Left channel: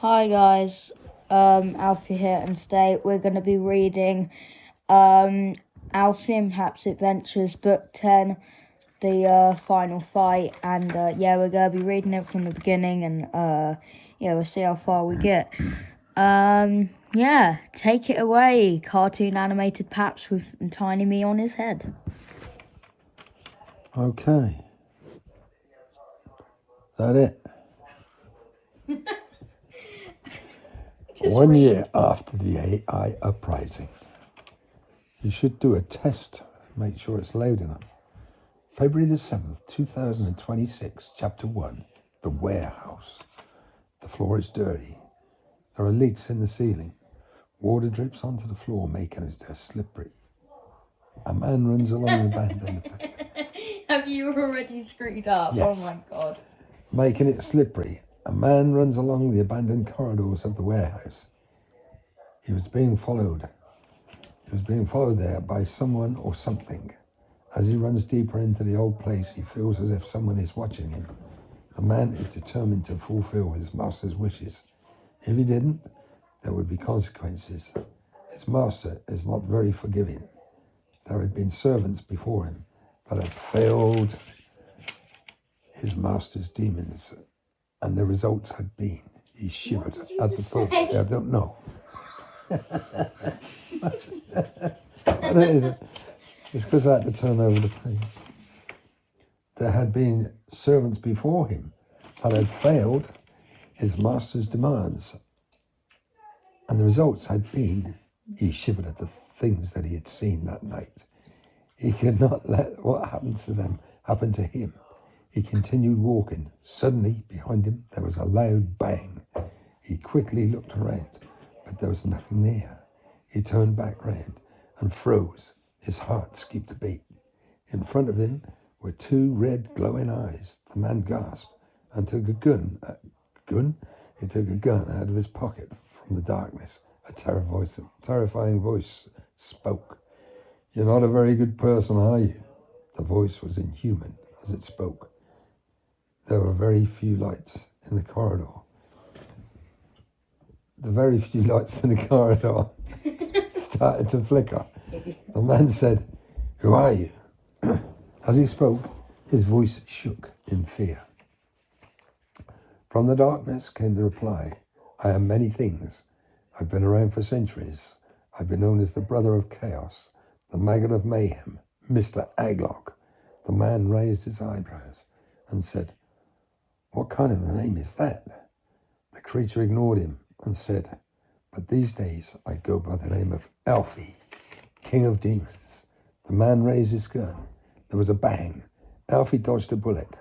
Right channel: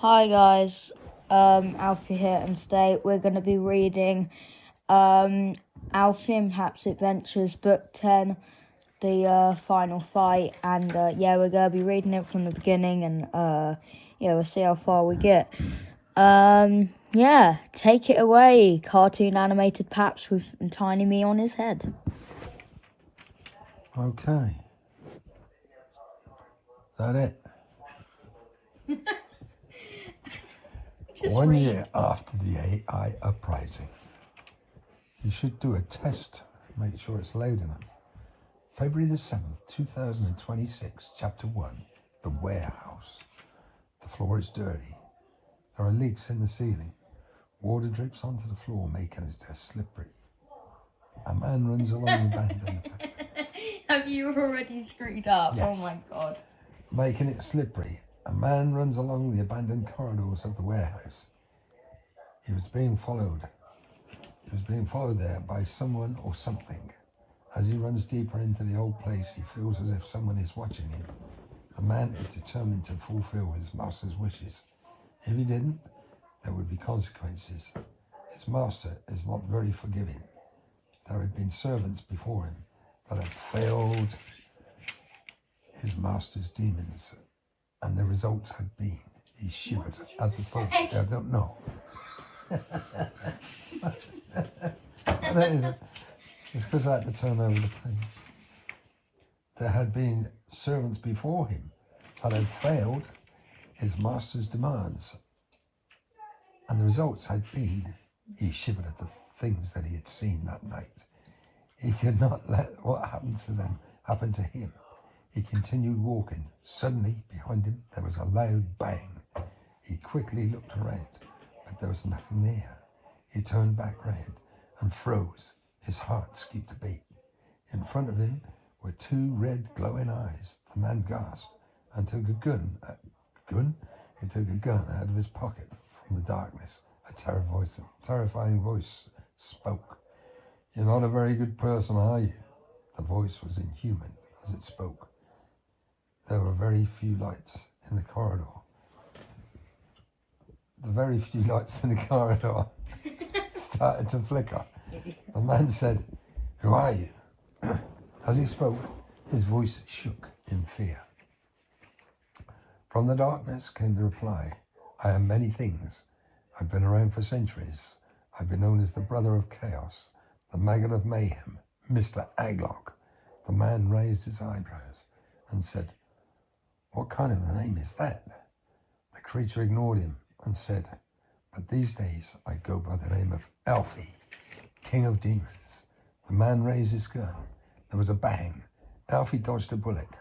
Hi guys, Alfie here, and today we're going to be reading Alfie and Paps Adventures Book 10, the final fight, and we're going to be reading it from the beginning, and we'll see how far we get. Take it away, cartoon animated Paps with tiny me on his head. Okay. Is that it? 1 year after the AI uprising. You should do a test, make sure it's loud enough. February the 7th, 2026, Chapter 1, The Warehouse. The floor is dirty. There are leaks in the ceiling. Water drips onto the floor, making it slippery. A man runs along the abandoned... Have you already screwed up? Yes. Oh my god. Making it slippery. A man runs along the abandoned corridors of the warehouse. He was being followed. He was being followed there by someone or something. As he runs deeper into the old place, he feels as if someone is watching him. The man is determined to fulfill his master's wishes. If he didn't, there would be consequences. His master is not very forgiving. There had been servants before him that had failed his master's demons, and the results had been, he shivered at the thought. I don't know. It's because I had to turn over the page. There had been servants before him that had failed his master's demands, and the results had been, he shivered at the things that he had seen that night. He could not let what happened to them happen to him. He continued walking. Suddenly, behind him, there was a loud bang. He quickly looked around, but there was nothing there. He turned back round and froze. His heart skipped a beat. In front of him were two red glowing eyes. The man gasped and took a gun. He took a gun out of his pocket. From the darkness, a terrifying voice spoke. "You're not a very good person, are you?" The voice was inhuman as it spoke. There were very few lights in the corridor. The very few lights in the corridor started to flicker. The man said, "Who are you?" As he spoke, his voice shook in fear. From the darkness came the reply, "I am many things. I've been around for centuries. I've been known as the brother of chaos, the maggot of mayhem, Mr. Aglock." The man raised his eyebrows and said, "What kind of a name is that?" The creature ignored him and said, "But these days I go by the name of Alfie, King of Demons." The man raised his gun. There was a bang. Alfie dodged a bullet.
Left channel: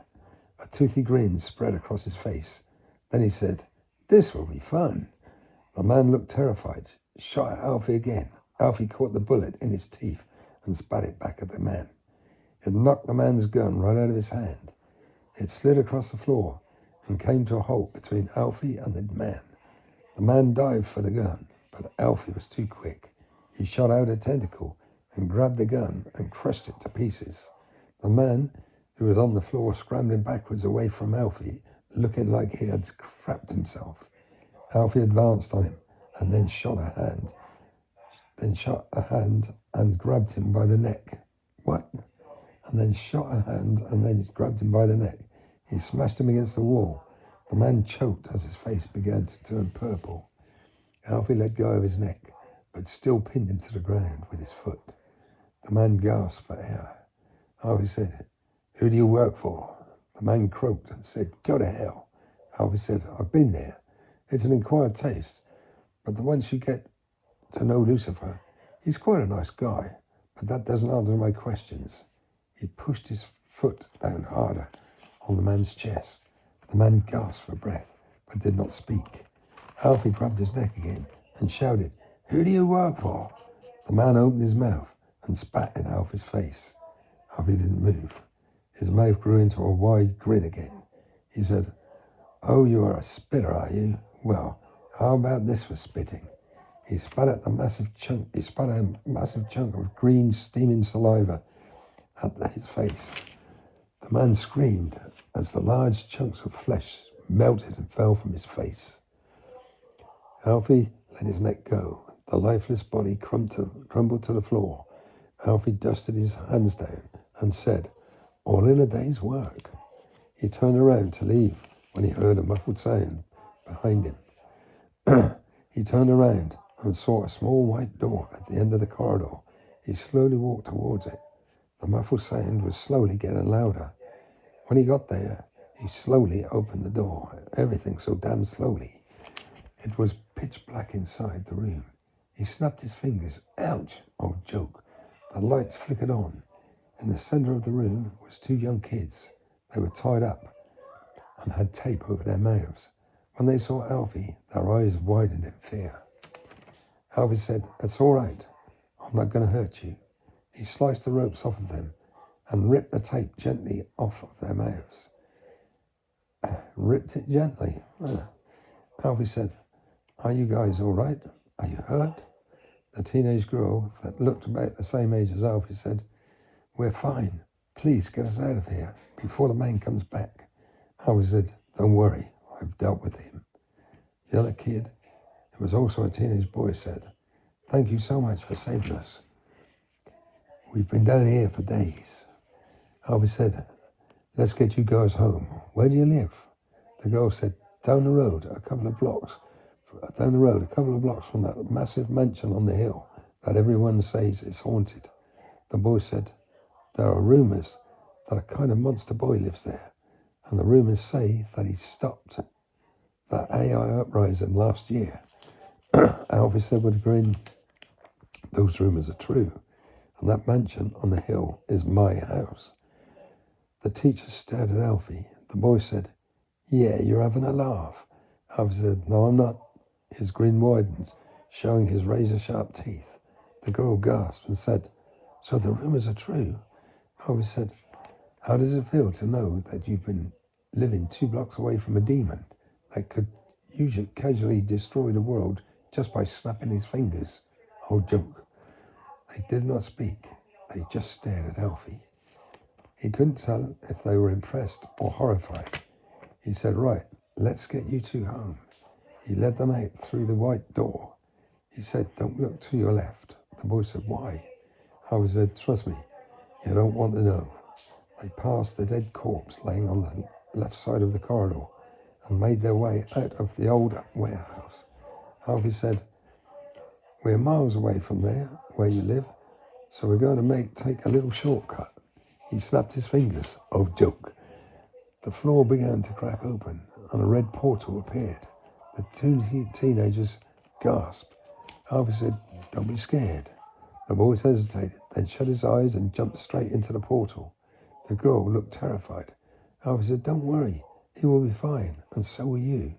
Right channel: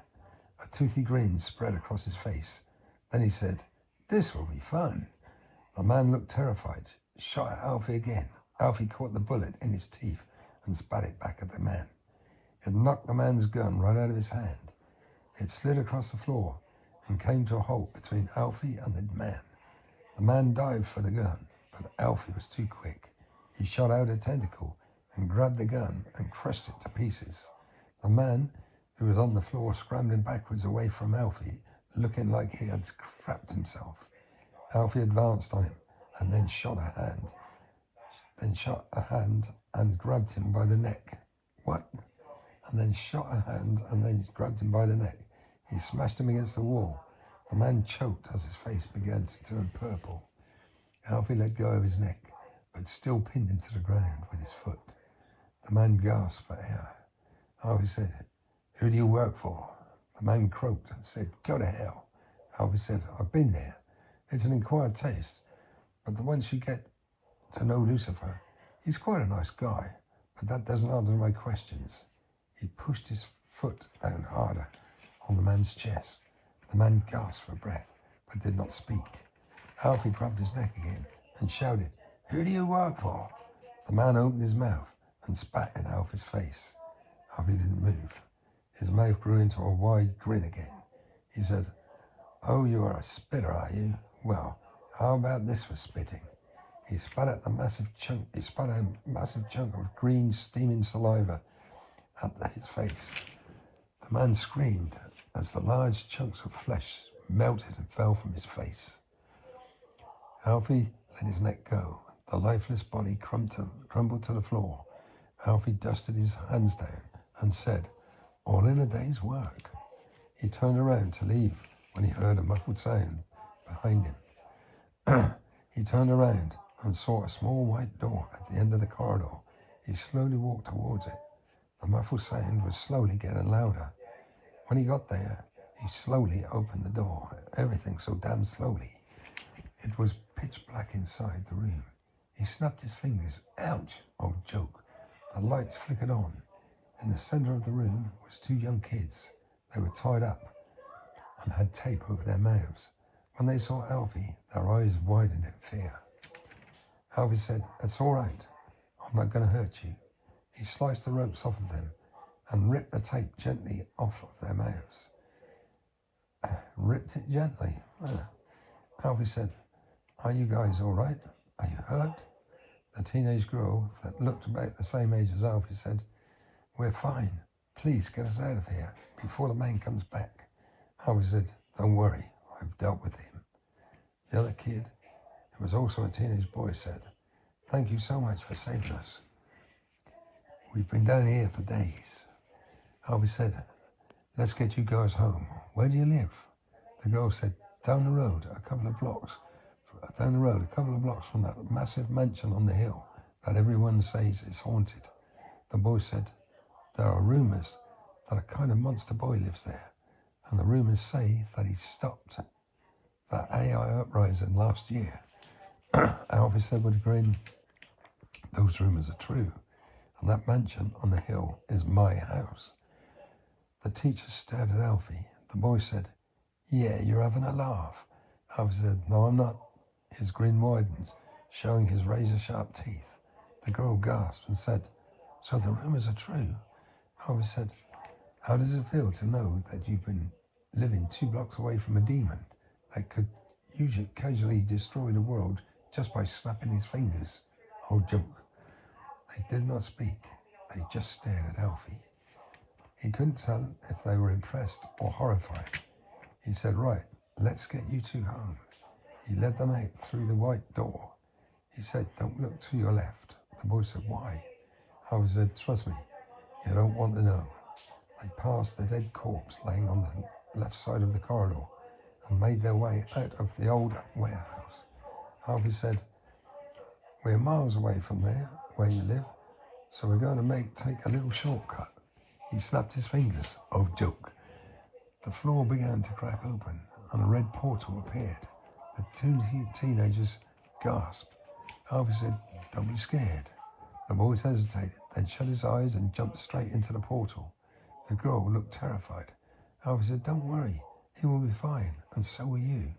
A toothy grin spread across his face. Then he said, "This will be fun." The man looked terrified, shot at Alfie again. Alfie caught the bullet in his teeth and spat it back at the man. It knocked the man's gun right out of his hand. It slid across the floor and came to a halt between Alfie and the man. The man dived for the gun, but Alfie was too quick. He shot out a tentacle and grabbed the gun and crushed it to pieces. The man, who was on the floor scrambling backwards away from Alfie, looking like he had crapped himself. Alfie advanced on him and then shot a hand and grabbed him by the neck. What? And then shot a hand and then grabbed him by the neck. He smashed him against the wall. The man choked as his face began to turn purple. Alfie let go of his neck, but still pinned him to the ground with his foot. The man gasped for air. Alfie said, "Who do you work for?" The man croaked and said, "Go to hell." Alfie said, "I've been there. It's an acquired taste, but once you get to know Lucifer, he's quite a nice guy, but that doesn't answer my questions." He pushed his foot down harder on the man's chest. The man gasped for breath, but did not speak. Alfie grabbed his neck again and shouted, "Who do you work for?" The man opened his mouth and spat in Alfie's face. Alfie didn't move. His mouth grew into a wide grin again. He said, "Oh, you are a spitter, are you? Well, how about this for spitting?" He spat a massive chunk of green, steaming saliva at his face. The man screamed as the large chunks of flesh melted and fell from his face. Alfie let his neck go. The lifeless body crumbled to the floor. Alfie dusted his hands down and said, "All in a day's work." He turned around to leave when he heard a muffled sound behind him. He turned around and saw a small white door at the end of the corridor. He slowly walked towards it. The muffled sound was slowly getting louder. When he got there, he slowly opened the door. Everything so damn slowly. It was pitch black inside the room. He snapped his fingers. Ouch! Oh, joke. The lights flickered on. In the center of the room was two young kids. They were tied up and had tape over their mouths. When they saw Alfie, their eyes widened in fear. Alfie said, "That's all right. I'm not going to hurt you." He sliced the ropes off of them and ripped the tape gently off of their mouths. Ripped it gently. Alfie said, "Are you guys all right? Are you hurt?" The teenage girl that looked about the same age as Alfie said, "We're fine. Please get us out of here before the man comes back." Alfie said, "Don't worry. I've dealt with him." The other kid, who was also a teenage boy, said, "Thank you so much for saving us. We've been down here for days." Alfie said, "Let's get you guys home. Where do you live?" The girl said, Down the road, a couple of blocks from that massive mansion on the hill that everyone says is haunted." The boy said, "There are rumors that a kind of monster boy lives there, and the rumors say that he stopped that AI uprising last year." Alfie said with a grin, "Those rumors are true, and that mansion on the hill is my house." The teacher stared at Alfie. The boy said, "Yeah, you're having a laugh." Alfie said, "No, I'm not." His grin widened, showing his razor-sharp teeth. The girl gasped and said, "So the rumors are true?" Alfie said, "How does it feel to know that you've been living 2 blocks away from a demon that could usually casually destroy the world just by snapping his fingers?" Oh, joke. They did not speak. They just stared at Alfie. He couldn't tell if they were impressed or horrified. He said, "Right, let's get you two home." He led them out through the white door. He said, "Don't look to your left." The boy said, "Why?" Alfie said, "Trust me, you don't want to know." They passed the dead corpse laying on the left side of the corridor and made their way out of the old warehouse. Alfie said, "We're miles away from there, where you live, so we're going to take a little shortcut." He snapped his fingers. Oh, joke. The floor began to crack open and a red portal appeared. The two teenagers gasped. Alfie said, "Don't be scared." The boy hesitated, then shut his eyes and jumped straight into the portal. The girl looked terrified. Alfie said, "Don't worry, he will be fine, and so will you."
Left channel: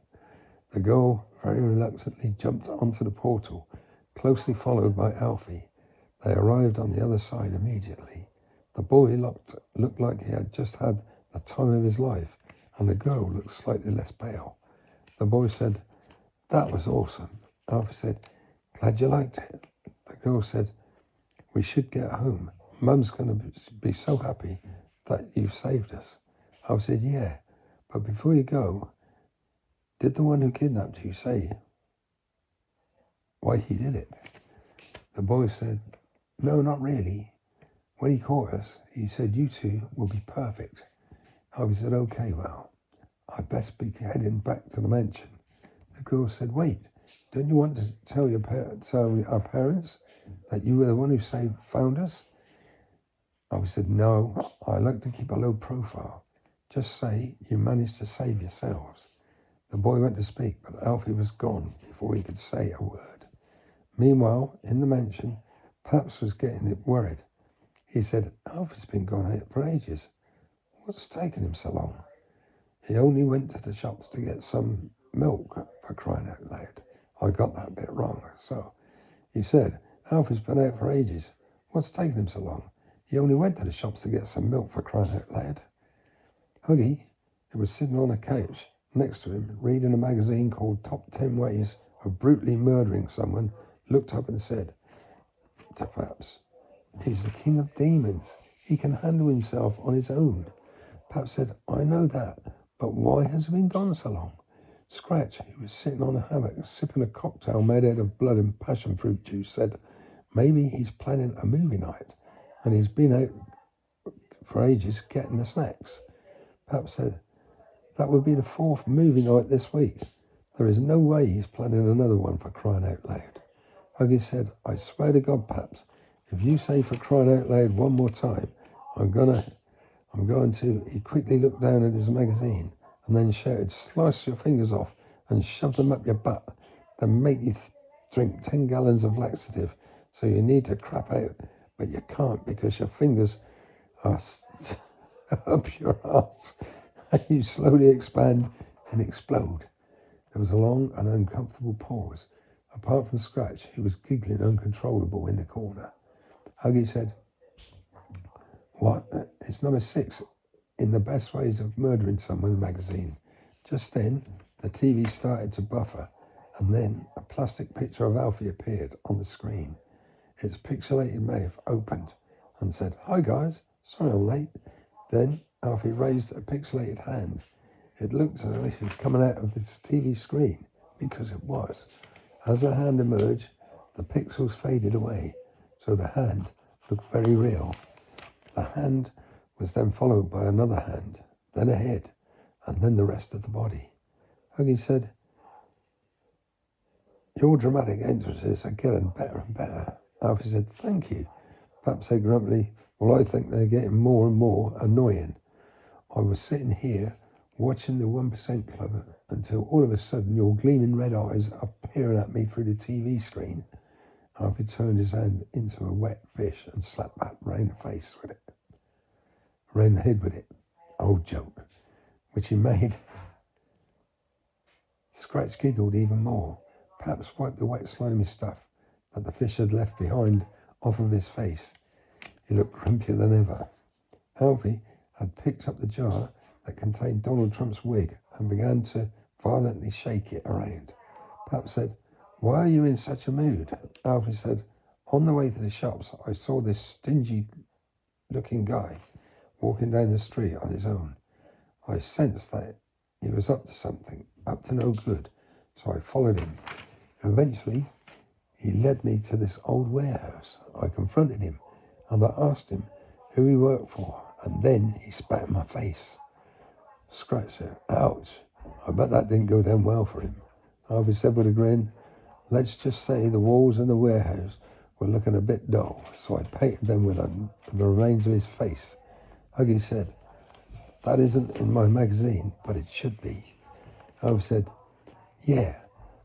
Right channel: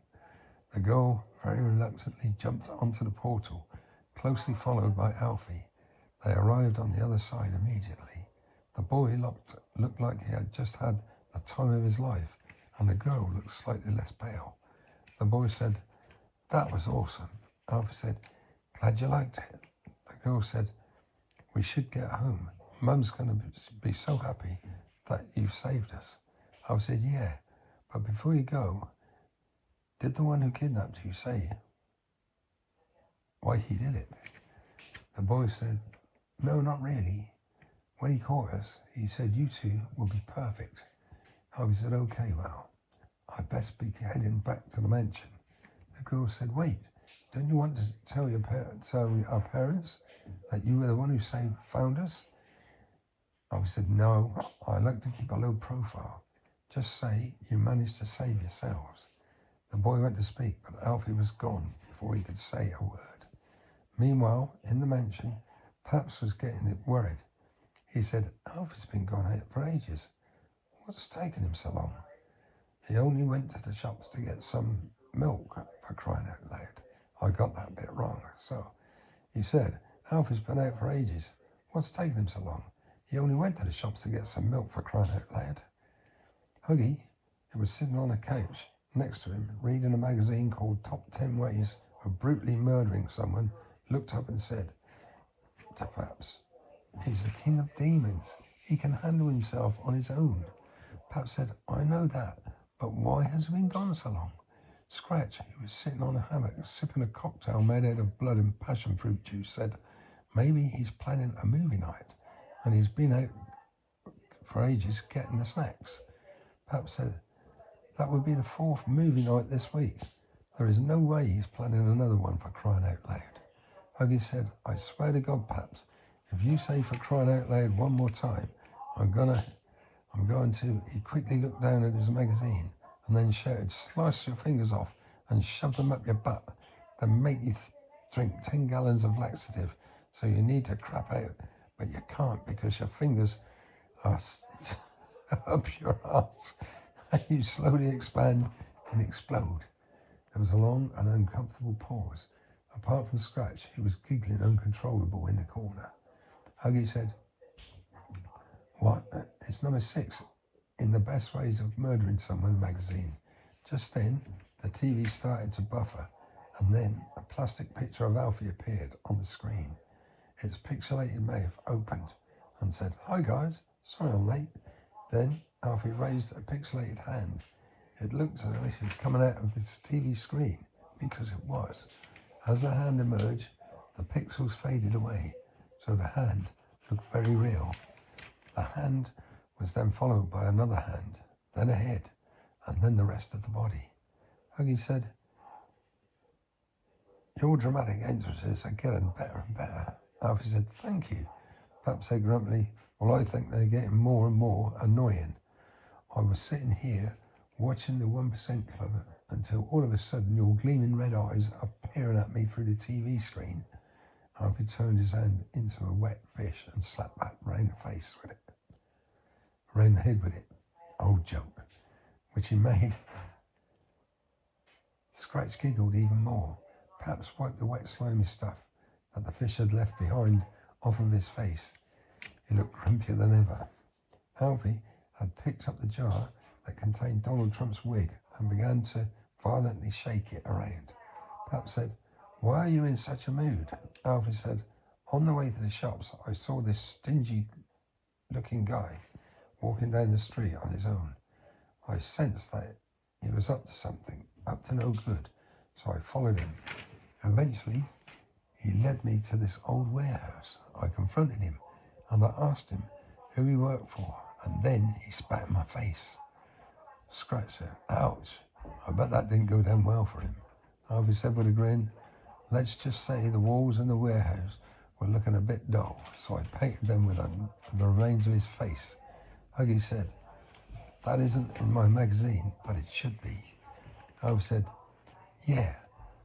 The girl very reluctantly jumped onto the portal, closely followed by Alfie. They arrived on the other side immediately. The boy looked like he had just had the time of his life, and the girl looked slightly less pale. The boy said, "That was awesome." Alfie said, "Glad you liked it." The girl said, "We should get home. Mum's going to be so happy that you've saved us." Alfie said, "Yeah, but before you go, did the one who kidnapped you say why he did it?" The boy said, "No, not really. When he caught us, he said you two will be perfect." Alfie said, "Okay, well, I best be heading back to the mansion." The girl said, "Wait, don't you want to tell our parents that you were the one who found us?" Alfie said, "No, I like to keep a low profile. Just say you managed to save yourselves." The boy went to speak, but Alfie was gone before he could say a word. Meanwhile, in the mansion, Paps was getting worried. He said, "Alfie's been gone here for ages. What's taking him so long? He only went to the shops to get some milk, for crying out loud." I got that bit wrong. So he said, "Alfie's been out for ages. What's taking him so long? He only went to the shops to get some milk, for crying out loud." Hoodie, who was sitting on a couch next to him, reading a magazine called Top 10 Ways of Brutally Murdering Someone, looked up and said to Paps, "He's the king of demons. He can handle himself on his own." Paps said, "I know that, but why has he been gone so long?" Scratch, who was sitting on a hammock sipping a cocktail made out of blood and passion fruit juice, said maybe he's planning a movie night and he's been out for ages getting the snacks. Paps said that would be the 4th movie night this week. There is no way he's planning another one, for crying out loud. Huggy said, I swear to God, Paps, if you say for crying out loud one more time, I'm going to. He quickly looked down at his magazine and then shouted, slice your fingers off and shove them up your butt, then make you drink 10 gallons of laxative, so you need to crap out, but you can't because your fingers are up your arse, and you slowly expand and explode. There was a long and uncomfortable pause. Apart from Scratch, he was giggling uncontrollable in the corner. Huggy said, what? It's number 6 in the best ways of murdering someone magazine. Just then, the TV started to buffer, and then a plastic picture of Alfie appeared on the screen. Its pixelated mouth opened and said, hi guys, sorry I'm late. Then Alfie raised a pixelated hand. It looked as if it was coming out of its TV screen, because it was. As the hand emerged, the pixels faded away, so the hand looked very real. The hand was then followed by another hand, then a head, and then the rest of the body. Huggy said, your dramatic entrances are getting better and better. Alfie said, thank you. Paps said grumpily, well, I think they're getting more and more annoying. I was sitting here watching the 1% Club until all of a sudden your gleaming red eyes are peering at me through the TV screen. Alfie turned his hand into a wet fish and slapped back round the face with it. Round the head with it. Old joke. Which he made. Scratch giggled even more. Paps wiped the wet slimy stuff that the fish had left behind off of his face. He looked grumpier than ever. Alfie had picked up the jar that contained Donald Trump's wig and began to violently shake it around. Paps said, why are you in such a mood? Alfie said, on the way to the shops, I saw this stingy-looking guy walking down the street on his own. I sensed that he was up to something, up to no good, so I followed him. Eventually, he led me to this old warehouse. I confronted him, and I asked him who he worked for, and then he spat in my face. Scratch said, ouch, I bet that didn't go down well for him. Alfie said with a grin, let's just say the walls in the warehouse were looking a bit dull, so I painted them with the remains of his face. Huggy said, that isn't in my magazine, but it should be. Alfie said, yeah,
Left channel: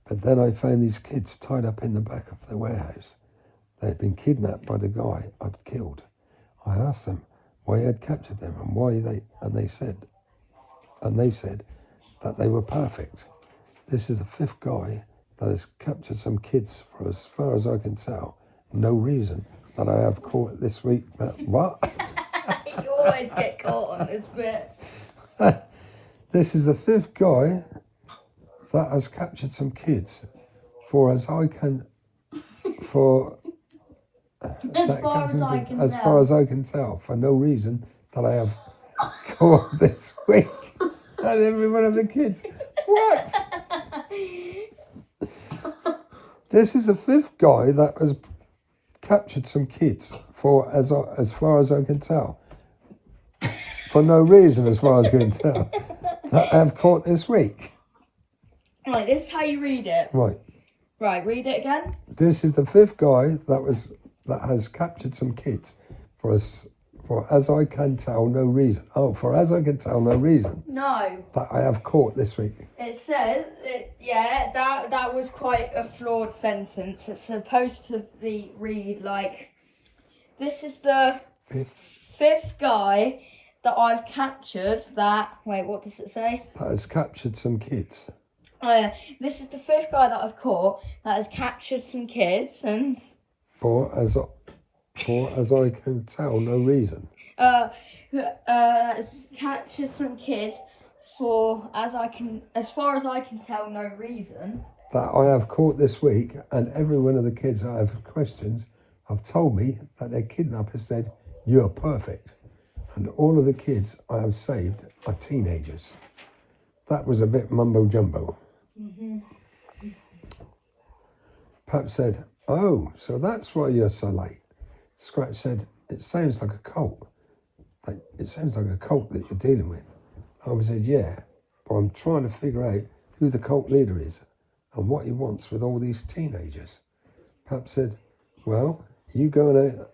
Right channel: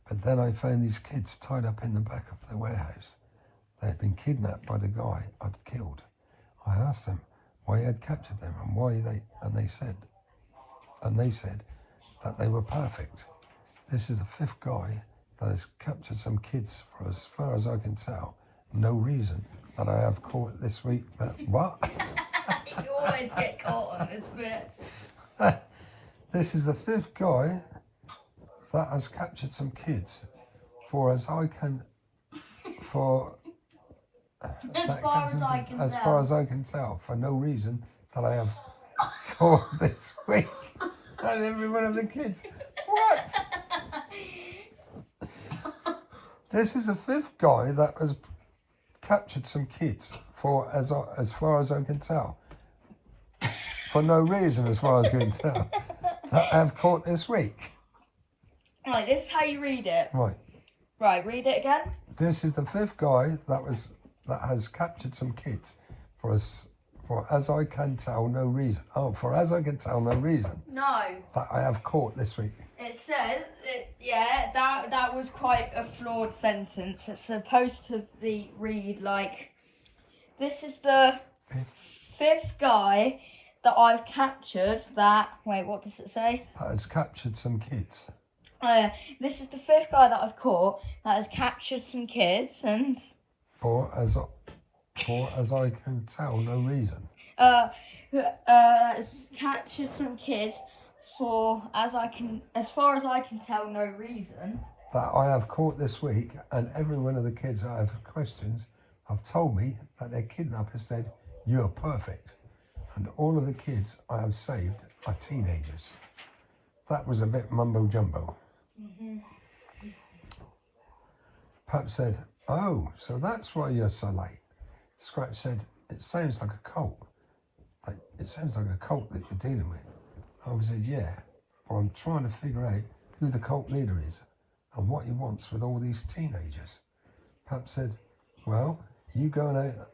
but then I found these kids tied up in the back of the warehouse. They had been kidnapped by the guy I'd killed. I asked them why he had captured them and they said that they were perfect. This is the 5th guy that has captured some kids for as far as I can tell. No reason that I have caught this week. What? You always get caught on this bit. This is the 5th guy that has captured some kids for as I can As far as I can tell, for no reason that I have caught this week. And every one of the kids. What? This is the 5th guy that has captured some kids for as far as I can tell. For no reason, as far as I can tell, that I've caught this week. Right, this is how you read it. Right. Right, read it again. This is the 5th guy that has captured some kids for as I can tell, no reason. Oh, for as I can tell, no reason. No. That I have caught this week. It says, that was quite a flawed sentence. It's supposed to read like, this is the 5th guy that I've captured that, wait, what does it say? That has captured some kids. Oh yeah, this is the 5th guy that I've caught that has captured some kids and... For as I can tell, no reason. Has captured some kids for as far as I can tell, no reason. That I have caught this week, and every one of the kids I have questioned have told me that their kidnapper said, "You're perfect." And all of the kids I have saved are teenagers. That was a bit mumbo jumbo. Pap said, "Oh, so that's why you're so late." Scratch said, "It sounds like a cult. It sounds like a cult that you're dealing with." Alfie said, "Yeah, but I'm trying to figure out who the cult leader is and what he wants with all these teenagers." Pap said, "Well, you going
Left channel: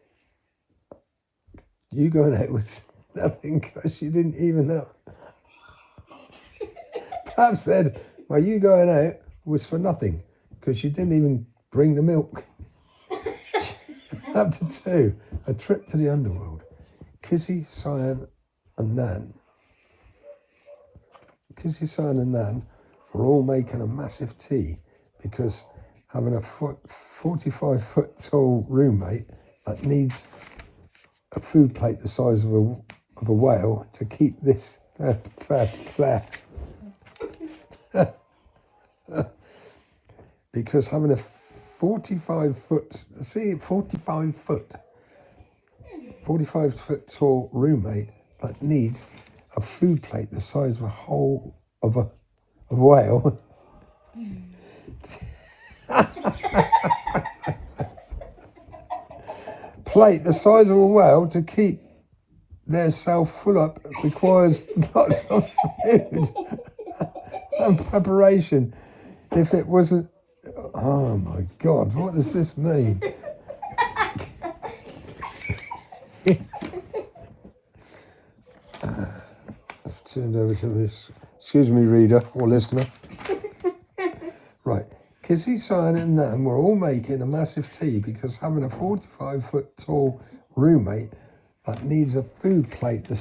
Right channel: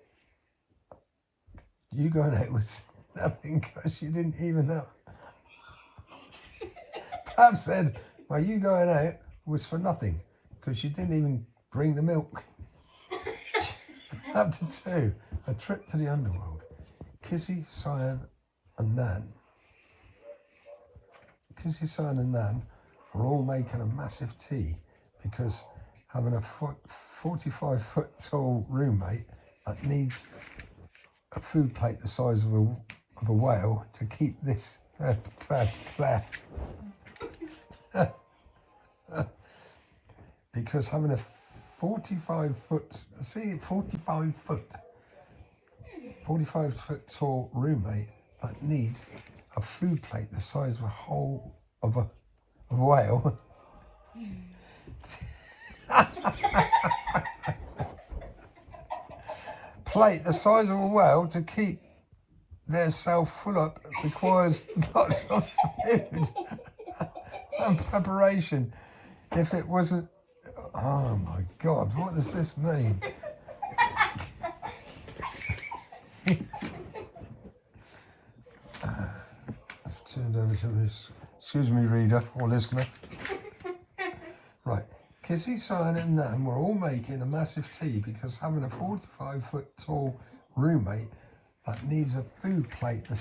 out with nothing because you didn't even know." Pap said, "Well, you going out was for nothing because you didn't even bring the milk." Chapter 2, A Trip to the Underworld. Kissy, Cyan and Nan were all making a massive tea because having a 45-foot tall roommate that needs a food plate the size of a whale to keep this because having a 45 foot tall roommate that needs a food plate the size of a whole of a whale plate the size of a whale to keep their self full up requires lots of food and preparation. If it wasn't, oh my God, what does this mean? Turned over to this. Excuse me, reader or listener. Right. Kissy, Cyan and Nan were all making a massive tea because having a 45-foot tall roommate that needs a food plate the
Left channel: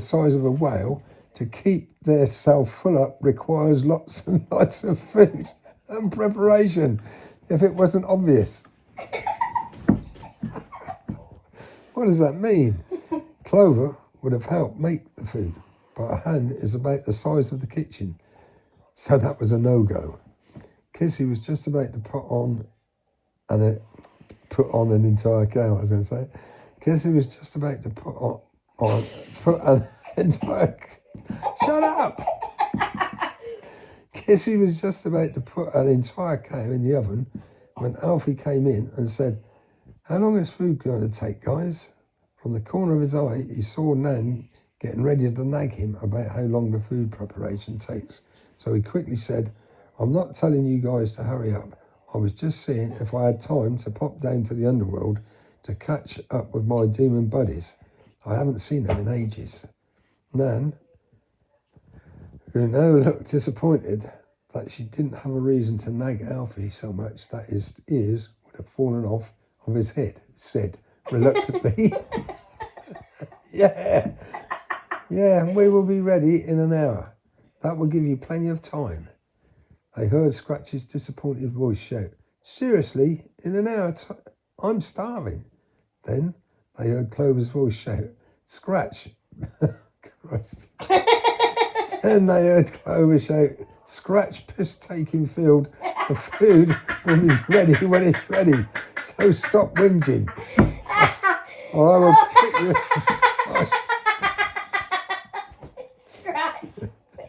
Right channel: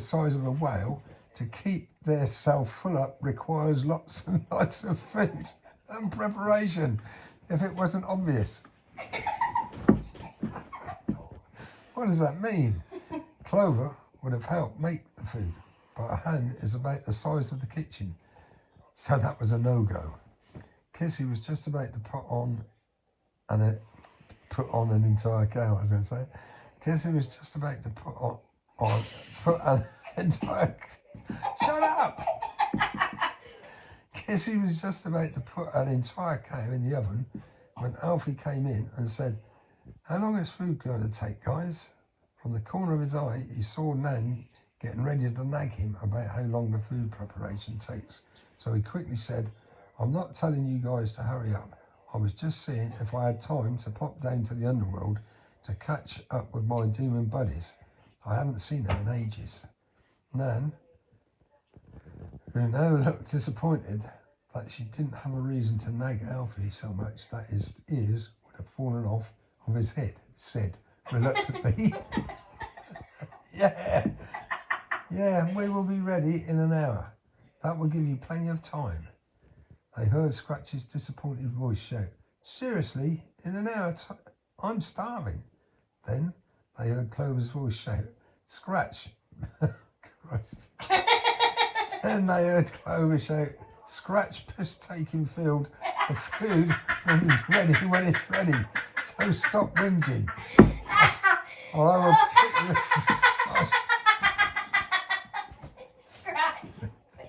size of a whale to keep their self full up requires lots and lots of food and preparation. If it wasn't obvious. What does that mean? Clover would have helped make the food, but her hand is about the size of the kitchen, so that was a no-go. Kissy was just about to put on an entire cow, I was going to say. Kissy was just about to put an entire... Shut up! Kissy was just about to put an entire cow in the oven when Alfie came in and said, "How long is food going to take, guys?" From the corner of his eye, he saw Nan getting ready to nag him about how long the food preparation takes. So he quickly said, "I'm not telling you guys to hurry up. I was just seeing if I had time to pop down to the underworld to catch up with my demon buddies. I haven't seen them in ages." Nan, who now looked disappointed that she didn't have a reason to nag Alfie so much that his ears would have fallen off of his head, said reluctantly, Yeah, we will be ready in an hour. That will give you plenty of time." They heard Scratch's disappointed voice shout, "Seriously, in an hour? I'm starving." Then they heard Clover's voice shout, "Scratch." Christ. Then they heard Clover shout, "Scratch, piss taking field. The food will be ready when it's ready. So stop whinging. Or I will put you." Scratch,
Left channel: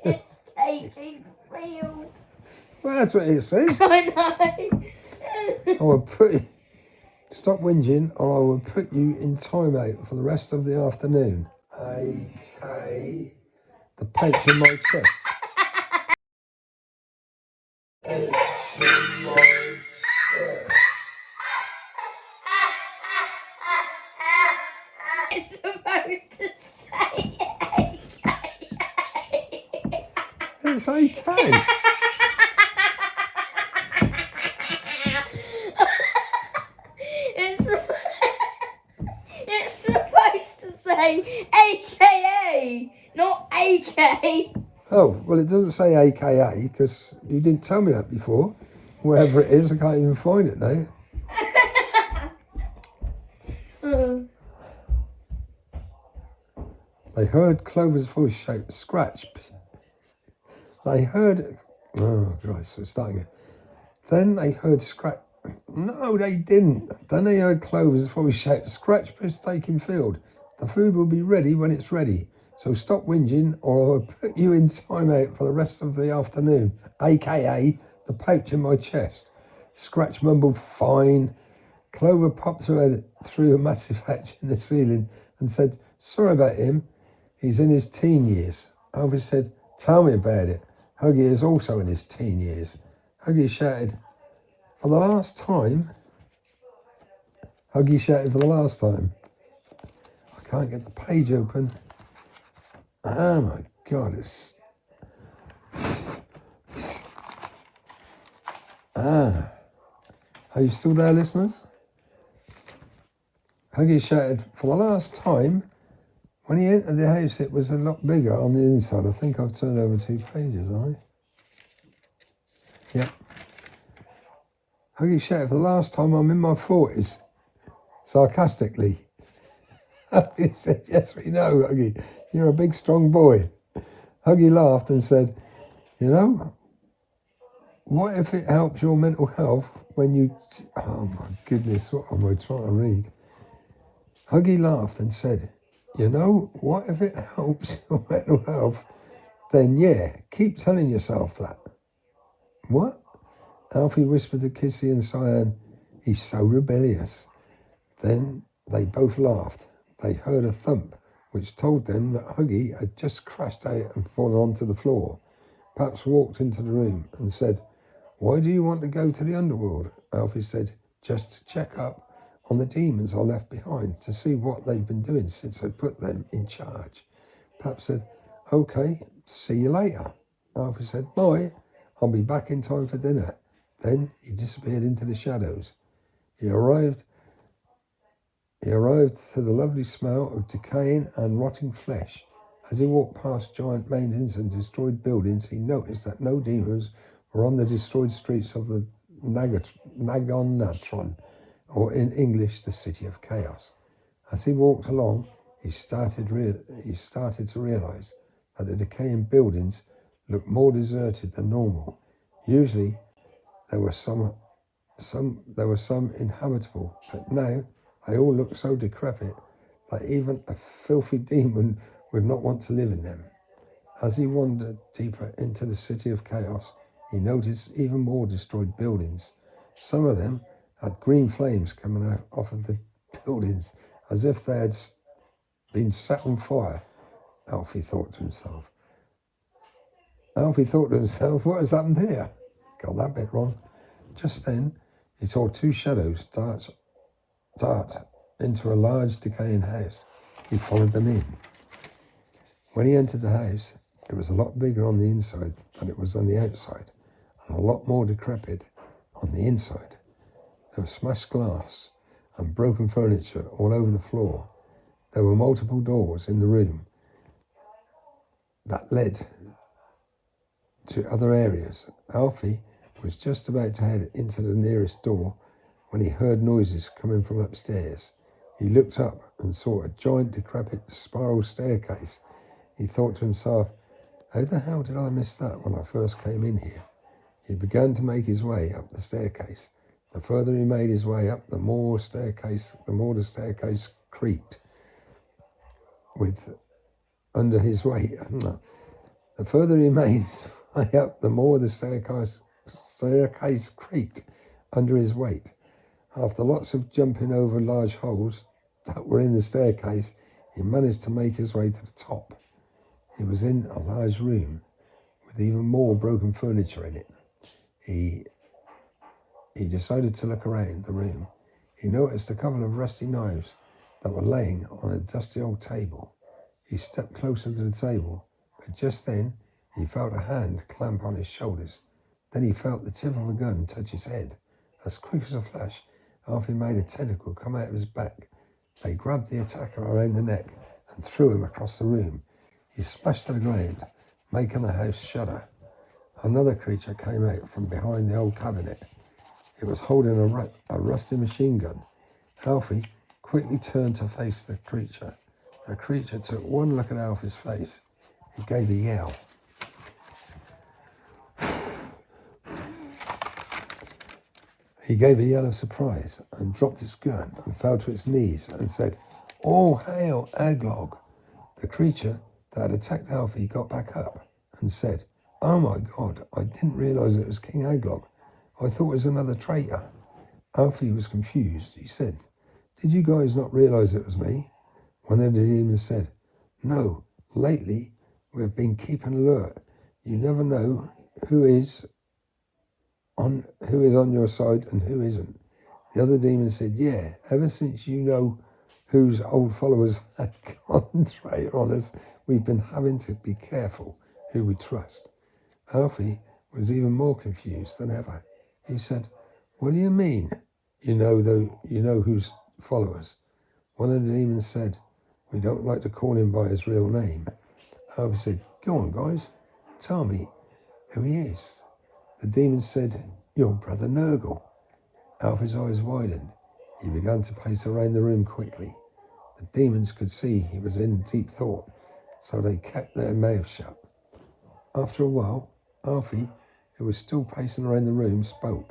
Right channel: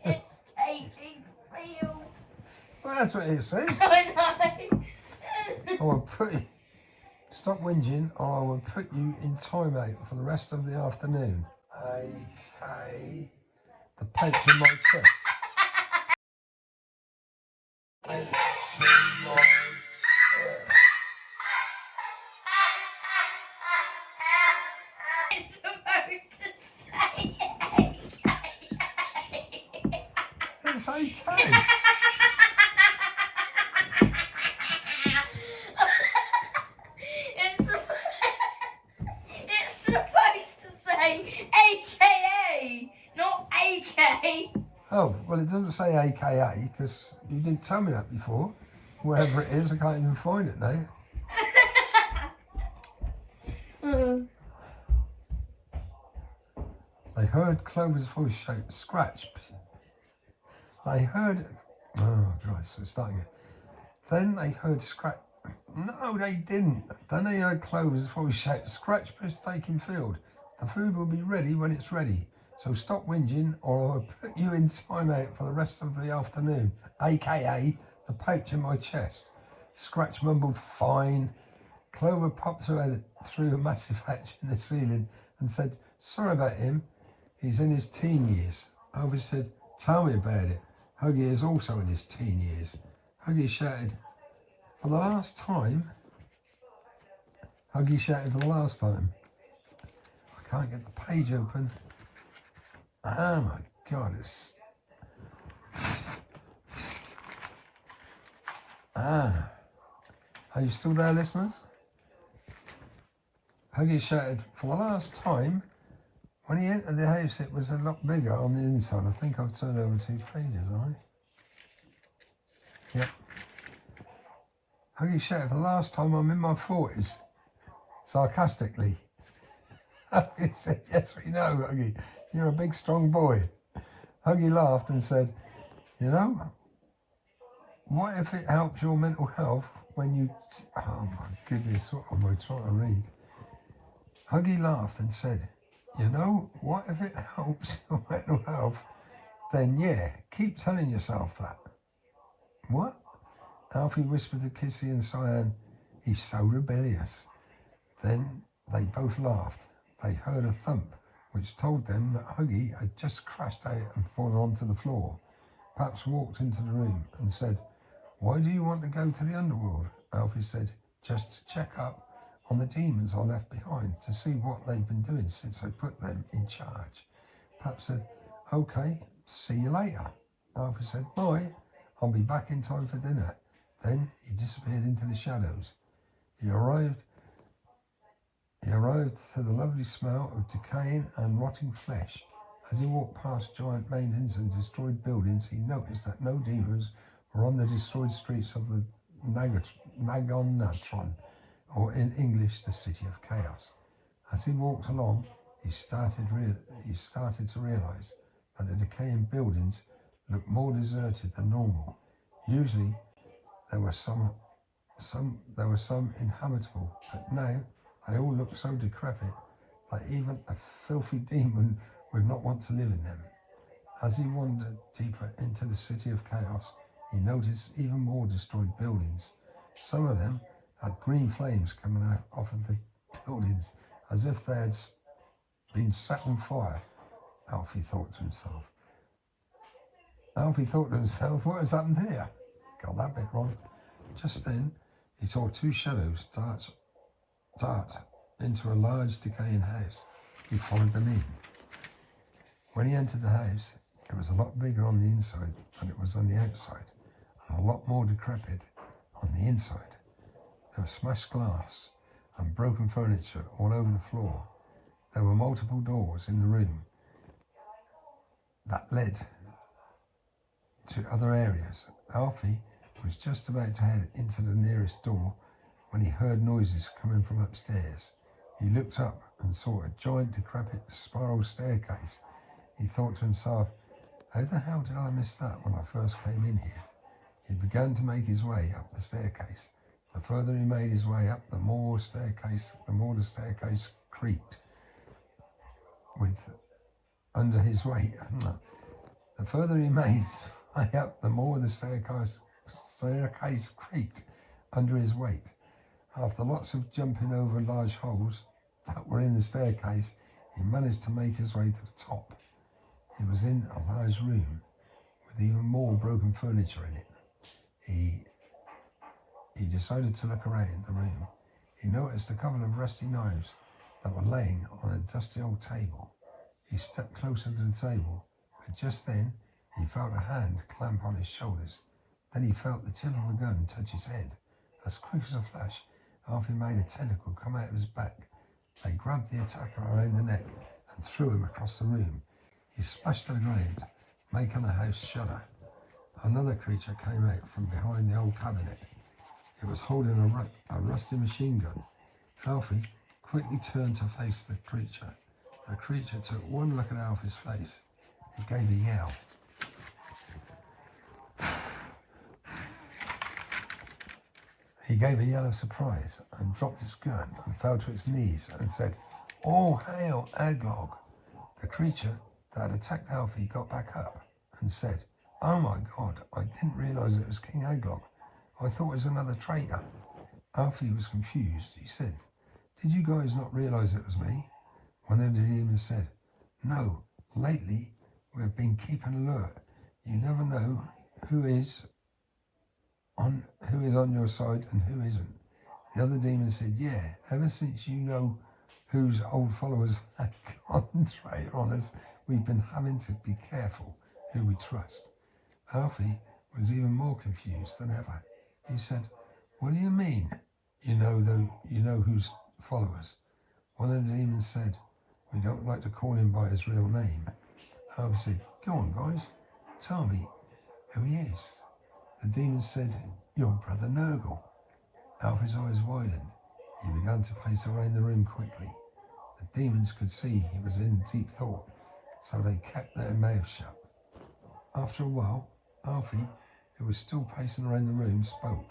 piss taking field. Well, that's what it says. I know. I will put you. Stop whinging, or I will put you in timeout for the rest of the afternoon. A.K. the pouch in my chest. It's supposed to say AKA. It's A.K. It's supposed to say AKA, not AK. Oh, well, it doesn't say AKA because you didn't tell me that before. Wherever it is, I can't even find it now. They heard Clover's voice shout, "Scratch." They heard... Oh, Christ, we're starting again. Then they heard Scratch... No, they didn't. Then they heard Clover's voice shout, "Scratch, piss taking field. The food will be ready when it's ready. So stop whinging or I'll put you in timeout for the rest of the afternoon. AKA the pouch in my chest." Scratch mumbled, "Fine." Clover popped her head through a massive hatch in the ceiling and said, "Sorry about him. He's in his teen years." Alfie said, "Tell me about it. Huggy is also in his teen years." Huggy shouted, "For the last time." Huggy shouted for the last time. I can't get the page open. Oh my God, Are you still there, listeners? Huggy shouted for the last time. When he entered the house, it was a lot bigger on the inside. I think I've turned over 2 pages, haven't I? Yeah. Huggy shouted for the last time, "I'm in my 40s. Sarcastically. Huggy said, "Yes, we know, Huggy. You're a big, strong boy." Huggy laughed and said, "You know, what if it helps your mental health when you..." Oh my goodness, what am I trying to read? Huggy laughed and said, "You know, what if it helps your mental health? Then yeah, keep telling yourself that." "What?" Alfie whispered to Kissy and Cyan. "He's so rebellious." Then they both laughed. They heard a thump, which told them that Huggy had just crashed out and fallen onto the floor. Paps walked into the room and said, "Why do you want to go to the underworld?" Alfie said, "Just to check up on the demons I left behind, to see what they've been doing since I put them in charge." Paps said, "Okay, see you later." Alfie said, "Bye, I'll be back in time for dinner." Then he disappeared into the shadows. He arrived to the lovely smell of decaying and rotting flesh. As he walked past giant mountains and destroyed buildings, he noticed that no demons were on the destroyed streets of the Nagonatron, or in English, the City of Chaos. As he walked along, he started to realize that the decaying buildings looked more deserted than normal. Usually, there were some inhabitable, but now they all looked so decrepit that even a filthy demon would not want to live in them. As he wandered deeper into the City of Chaos, he noticed even more destroyed buildings. Some of them had green flames coming out off of the buildings, as if they had been set on fire. Alfie thought to himself, "What has happened here?" Got that bit wrong. Just then, he saw 2 shadows dart into a large decaying house. He followed them in. When he entered the house, it was a lot bigger on the inside than it was on the outside, and a lot more decrepit on the inside. There was smashed glass and broken furniture all over the floor. There were multiple doors in the room that led to other areas. Alfie was just about to head into the nearest door when he heard noises coming from upstairs. He looked up and saw a giant decrepit spiral staircase. He thought to himself, "How the hell did I miss that when I first came in here?" He began to make his way up the staircase. The further he made his way up, the more the staircase creaked with under his weight. The further he made his way up, the more the staircase creaked under his weight. After lots of jumping over large holes that were in the staircase, he managed to make his way to the top. He was in a large room with even more broken furniture in it. He decided to look around the room. He noticed a couple of rusty knives that were laying on a dusty old table. He stepped closer to the table, but just then he felt a hand clamp on his shoulders. Then he felt the tip of a gun touch his head. As quick as a flash, Alfie made a tentacle come out of his back. They grabbed the attacker around the neck and threw him across the room. He splashed to the ground, making the house shudder. Another creature came out from behind the old cabinet. It was holding a rusty machine gun. Alfie quickly turned to face the creature. The creature took one look at Alfie's face. He gave a yell. He gave a yell of surprise and dropped his gun and fell to its knees and said, "All hail, Aglog." The creature that had attacked Alfie got back up and said, "Oh my God, I didn't realize it was King Aglog. I thought it was another traitor. Alfie was confused. He said, "Did you guys not realise it was me?" One of the demons said, "No, lately we've been keeping alert. You never know who is on your side and who isn't." The other demon said, "Yeah, ever since you know whose old followers have gone traitor on us, we've been having to be careful who we trust." Alfie was even more confused than ever. He said, "What do you mean? You know whose followers?" One of the demons said, "We don't like to call him by his real name." Alfie said, "Go on, guys, tell me who he is." The demon said, "Your brother Nurgle." Alfie's eyes widened. He began to pace around the room quickly. The demons could see he was in deep thought, so they kept their mouths shut. After a while, Alfie, who was still pacing around the room, spoke.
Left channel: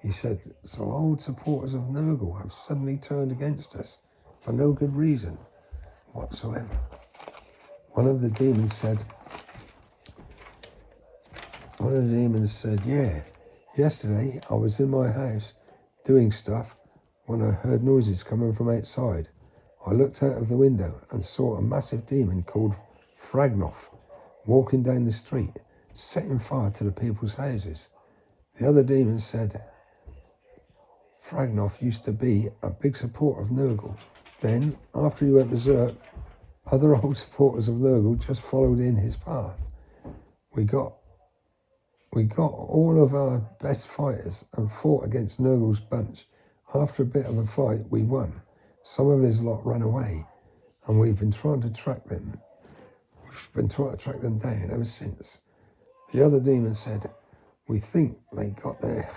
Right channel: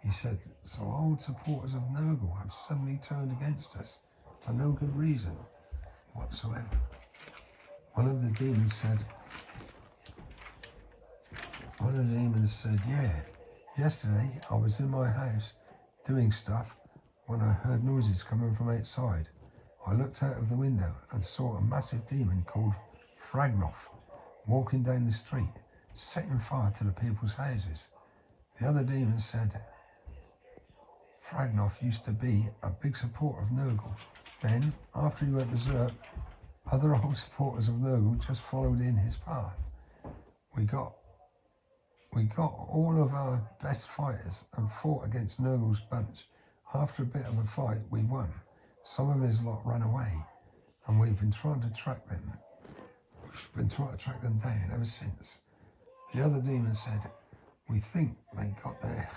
He said, "Some old supporters of Nurgle have suddenly turned against us for no good reason whatsoever." One of the demons said, "Yeah, yesterday I was in my house doing stuff when I heard noises coming from outside. I looked out of the window and saw a massive demon called Fragnoff walking down the street, setting fire to the people's houses." The other demon said, "Fragnoff used to be a big supporter of Nurgle. Then, after he went berserk, other old supporters of Nurgle just followed in his path. We got all of our best fighters and fought against Nurgle's bunch. After a bit of a fight, we won. Some of his lot ran away, and we've been trying to track them. Down ever since." The other demon said, "We think they got their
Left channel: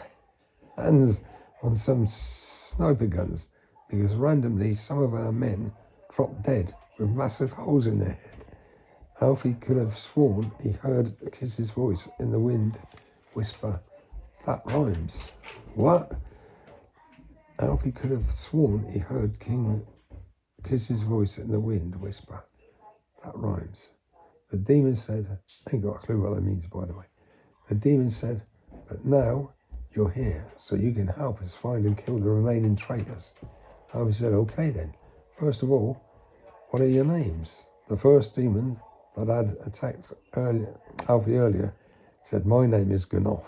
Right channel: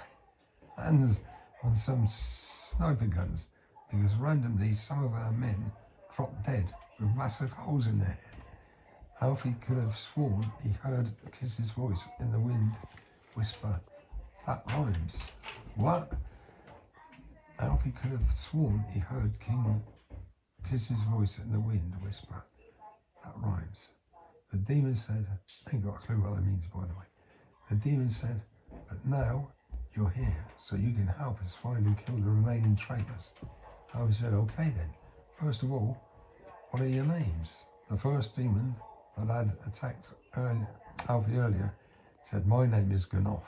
hands on some sniper guns, because randomly some of our men dropped dead with massive holes in their head." Alfie could have sworn he heard Kiss's voice in the wind whisper, "That rhymes." What? Alfie could have sworn he heard Kiss's voice in the wind whisper, "That rhymes." The demon said, I ain't got a clue what that means, by the way. The demon said, "But now you're here, so you can help us find and kill the remaining traitors." Alfie said, "Okay then. First of all, what are your names?" The first demon that had attacked Alfie earlier said, "My name is Gnoff."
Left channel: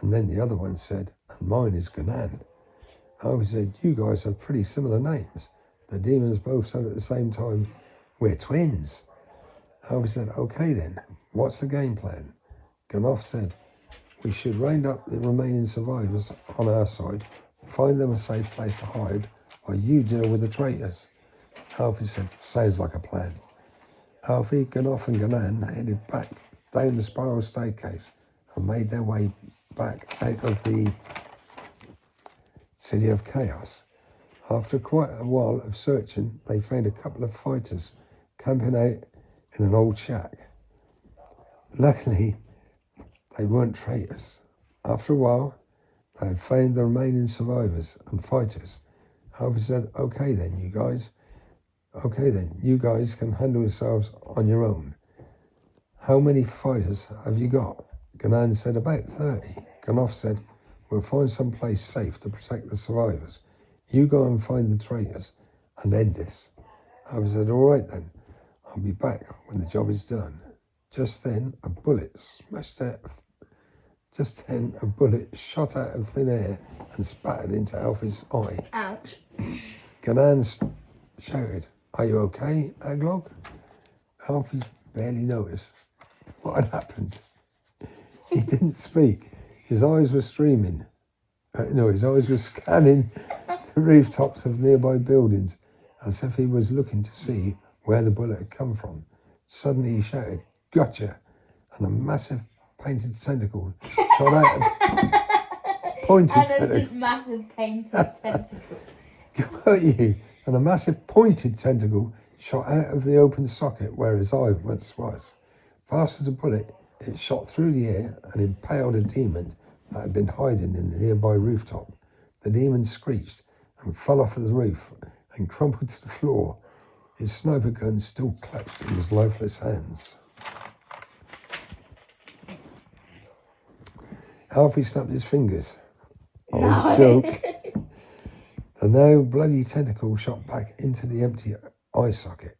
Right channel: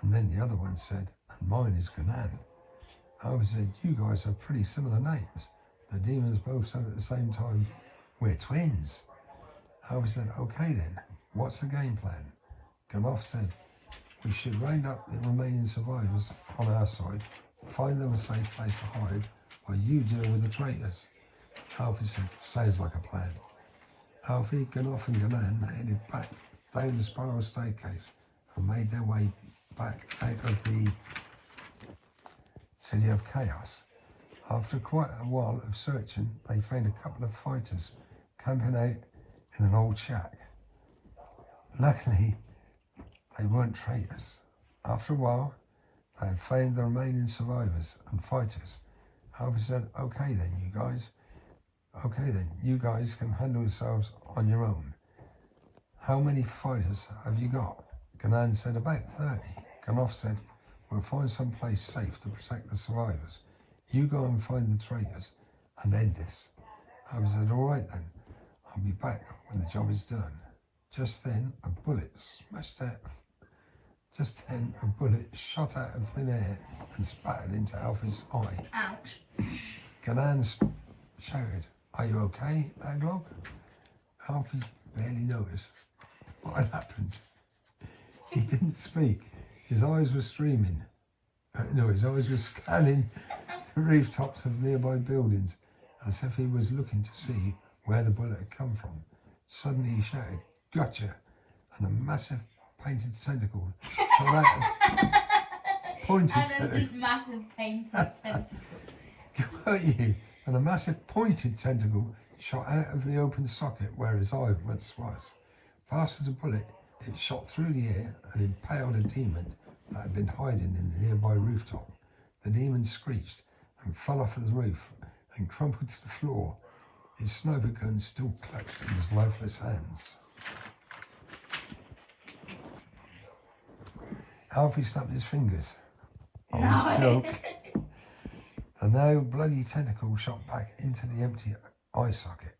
And then the other one said, "And mine is Gnan." Alfie said, "You guys have pretty similar names." The demons both said at the same time, "We're twins." Alfie said, "Okay then, what's the game plan?" Gnoff said, "We should round up the remaining survivors on our side, find them a safe place to hide, while you deal with the traitors." Alfie said, "Sounds like a plan." Alfie, Gnoff and Gnan headed back down the spiral staircase and made their way back out of the City of Chaos. After quite a while of searching, they found a couple of fighters camping out in an old shack. Luckily, they weren't traitors. After a while, they had found the remaining survivors and fighters. Alfie said, Okay then, you guys can handle yourselves on your own. How many fighters have you got?" Gnan said, "About 30. Ganoff said, "We'll find some place safe to protect the survivors. You go and find the traitors and end this." Alfie said, "All right then. I'll be back when the job is done." Just then, a bullet shot out of thin air and spattered into Alfie's eye. Ouch. Gnan shouted, "Are you okay, Aglog?" Alfie barely noticed what had happened. He didn't speak. His eyes were scanning the rooftops of nearby buildings as if he was looking to see where the bullet had come from. Suddenly he shouted, "Gotcha!" and a massive painted tentacle shot out massive painted tentacle. Got you! And a massive pointed tentacle shot out of the open socket where his eye once was. Fast as a bullet, it shot through the air and impaled a demon that had been hiding in the nearby rooftop. The demon screeched and fell off of the roof and crumpled to the floor, his sniper gun still clutched in his lifeless hands. Alfie snapped his fingers. No. Joke. The now bloody tentacle shot back into the empty eye socket.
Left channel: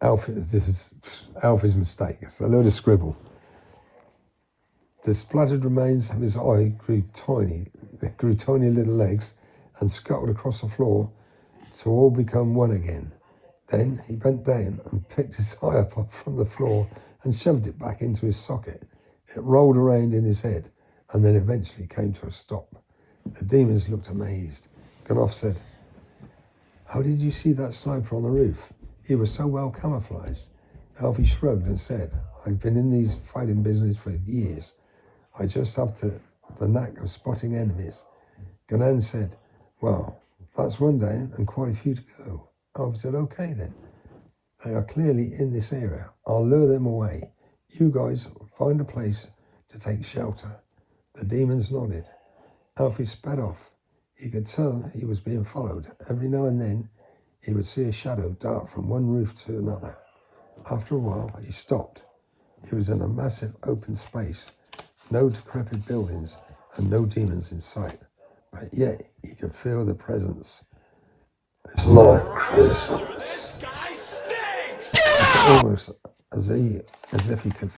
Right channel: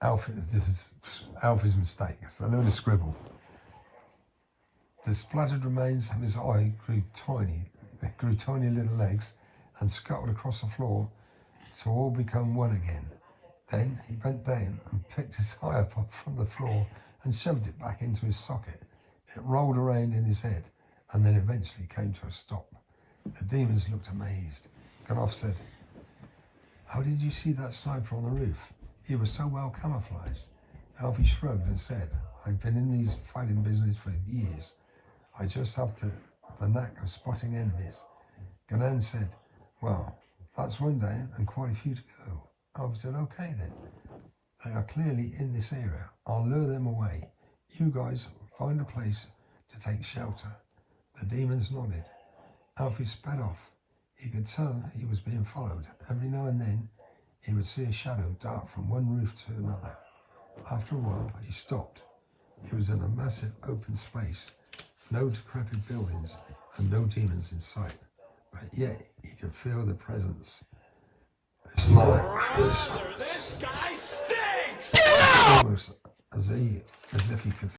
Alfie's mistake. It's a load of scribble. The spluttered remains of his eye grew tiny little legs and scuttled across the floor to all become one again. Then he bent down and picked his eye up from the floor and shoved it back into his socket. It rolled around in his head and then eventually came to a stop. The demons looked amazed. Ganoff said, "How did you see that sniper on the roof? He was so well camouflaged." Alfie shrugged and said, "I've been in these fighting business for years. I just have the knack of spotting enemies." Ganan said, "Well, that's one down and quite a few to go." Alfie said, "Okay then. They are clearly in this area. I'll lure them away. You guys find a place to take shelter." The demons nodded. Alfie sped off. He could tell he was being followed. Every now and then, he would see a shadow dart from one roof to another. After a while, he stopped. He was in a massive open space, no decrepit buildings, and no demons in sight. But yet, he could feel the presence. It's like Brother, this guy stinks! almost as if he could